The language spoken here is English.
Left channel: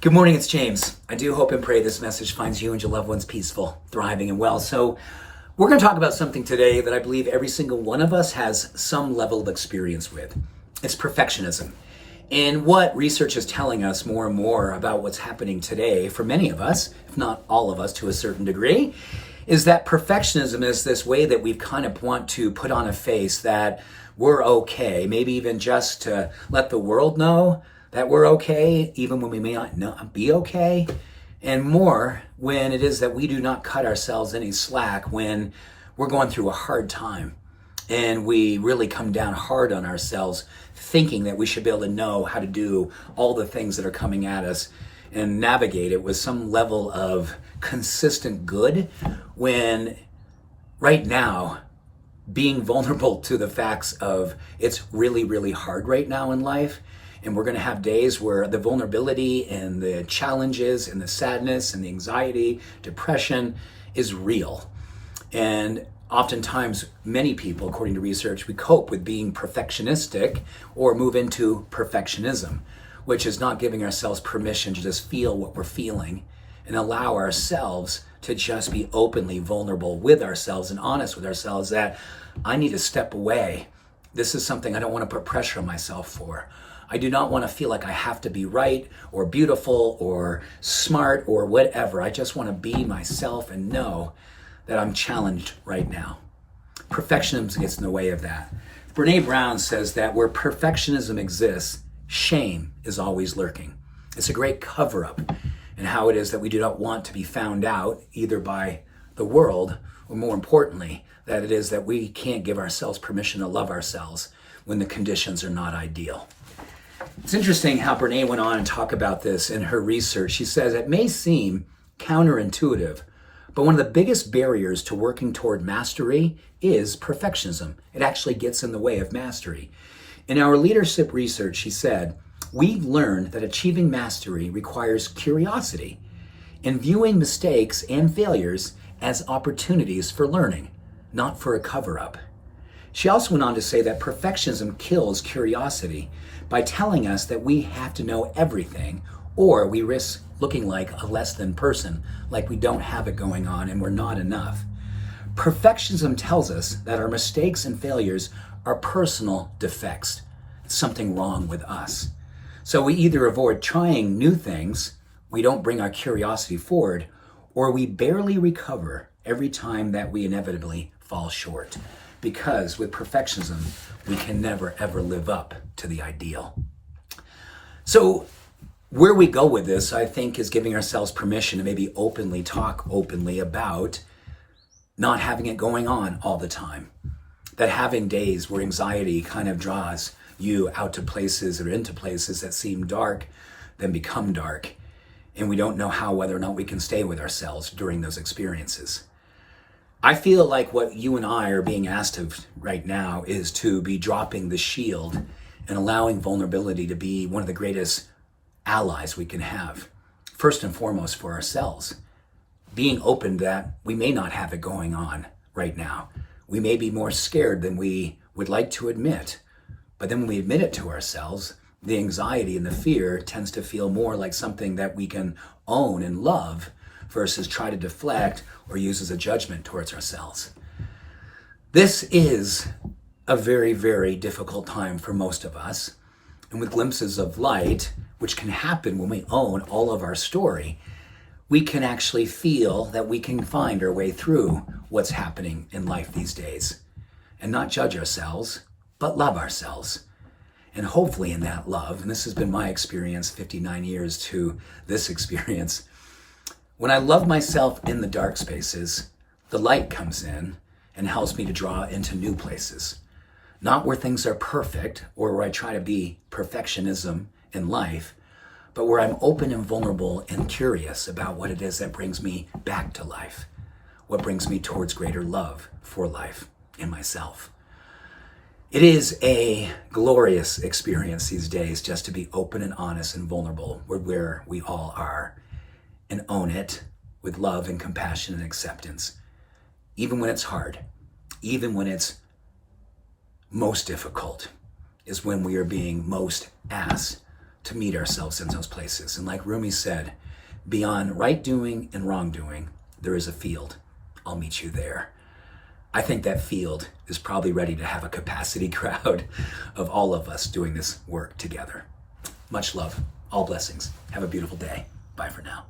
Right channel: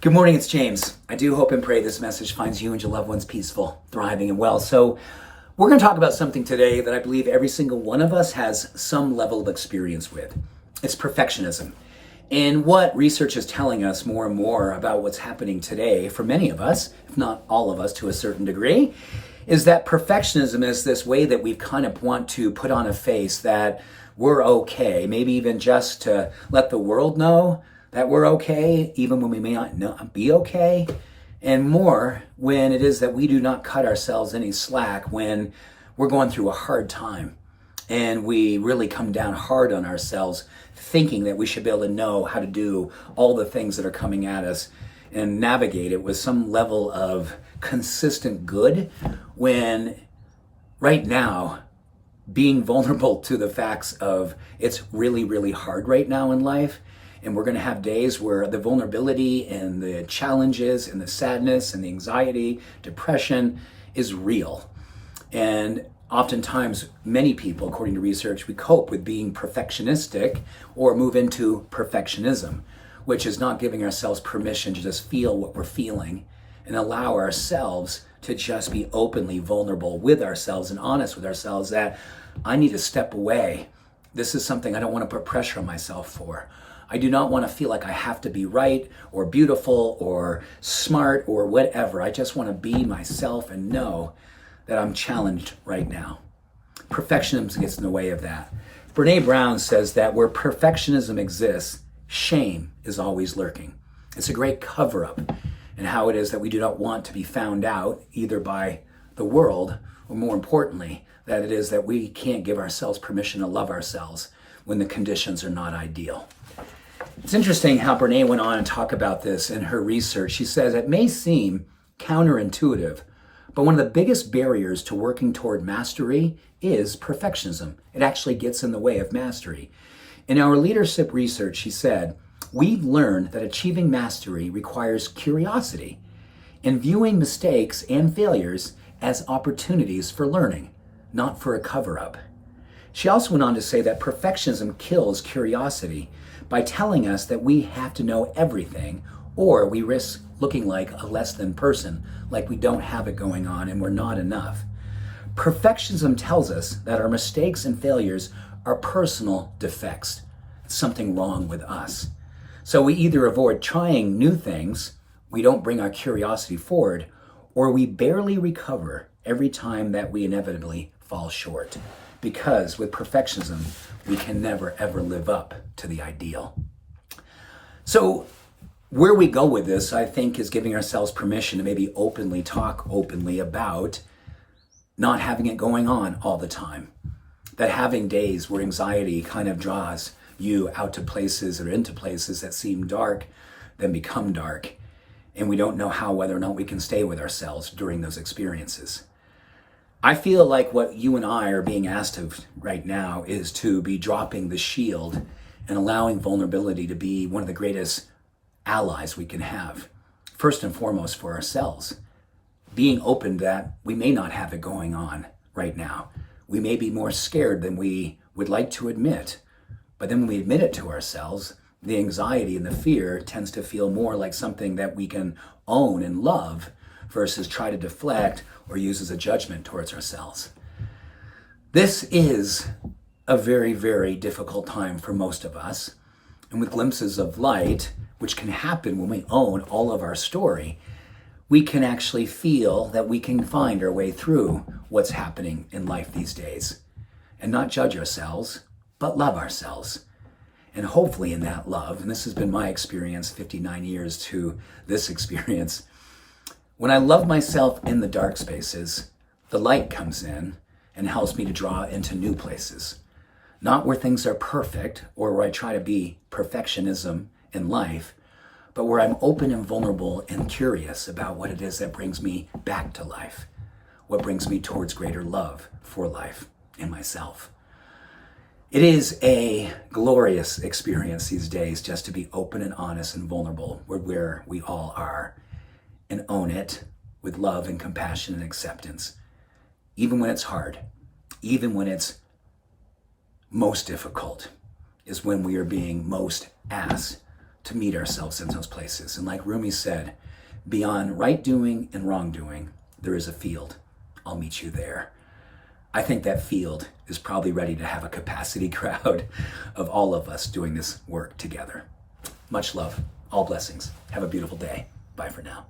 Good morning, it's James. I do hope and pray this message finds you and your loved ones peaceful, thriving, and well. So we're going to talk about something today that I believe every single one of us has some level of experience with. It's perfectionism. And what research is telling us more and more about what's happening today for many of us, if not all of us to a certain degree, is that perfectionism is this way that we kind of want to put on a face that we're okay, maybe even just to let the world know that we're okay, even when we may not be okay, and more when it is that we do not cut ourselves any slack when we're going through a hard time and we really come down hard on ourselves, thinking that we should be able to know how to do all the things that are coming at us and navigate it with some level of consistent good, when right now, being vulnerable to the facts of it's really, really hard right now in life. And we're going to have days where the vulnerability and the challenges and the sadness and the anxiety, depression is real. And oftentimes, many people, according to research, we cope with being perfectionistic or move into perfectionism, which is not giving ourselves permission to just feel what we're feeling and allow ourselves to just be openly vulnerable with ourselves and honest with ourselves that I need to step away. This is something I don't want to put pressure on myself for. I do not want to feel like I have to be right or beautiful or smart or whatever. I just want to be myself and know that I'm challenged right now. Perfectionism gets in the way of that. Brene Brown says that where perfectionism exists, shame is always lurking. It's a great cover-up in how it is that we do not want to be found out either by the world, or more importantly, that it is that we can't give ourselves permission to love ourselves when the conditions are not ideal. It's interesting how Brene went on and talk about this in her research. She says it may seem counterintuitive, but one of the biggest barriers to working toward mastery is perfectionism. It actually gets in the way of mastery. In our leadership research, she said, we've learned that achieving mastery requires curiosity and viewing mistakes and failures as opportunities for learning, not for a cover-up. She also went on to say that perfectionism kills curiosity by telling us that we have to know everything, or we risk looking like a less than person, like we don't have it going on and we're not enough. Perfectionism tells us that our mistakes and failures are personal defects, something wrong with us. So we either avoid trying new things, we don't bring our curiosity forward, or we barely recover every time that we inevitably fall short. Because with perfectionism, we can never ever live up to the ideal. So where we go with this, I think, is giving ourselves permission to maybe talk openly about not having it going on all the time. That having days where anxiety kind of draws you out to places or into places that seem dark, then become dark. And we don't know whether or not we can stay with ourselves during those experiences. I feel like what you and I are being asked of right now is to be dropping the shield and allowing vulnerability to be one of the greatest allies we can have. First and foremost for ourselves. Being open that we may not have it going on right now. We may be more scared than we would like to admit. But then when we admit it to ourselves, the anxiety and the fear tends to feel more like something that we can own and love versus try to deflect or use as a judgment towards ourselves. This is a very, very difficult time for most of us. And with glimpses of light, which can happen when we own all of our story, we can actually feel that we can find our way through what's happening in life these days and not judge ourselves, but love ourselves. And hopefully in that love, and this has been my experience, 59 years to this experience, when I love myself in the dark spaces, the light comes in and helps me to draw into new places. Not where things are perfect or where I try to be perfectionism in life, but where I'm open and vulnerable and curious about what it is that brings me back to life, what brings me towards greater love for life and myself. It is a glorious experience these days just to be open and honest and vulnerable with where we all are and own it with love and compassion and acceptance, even when it's hard, even when it's most difficult, is when we are being most asked to meet ourselves in those places. And like Rumi said, beyond right doing and wrongdoing, there is a field. I'll meet you there. I think that field is probably ready to have a capacity crowd of all of us doing this work together. Much love, all blessings. Have a beautiful day. Bye for now.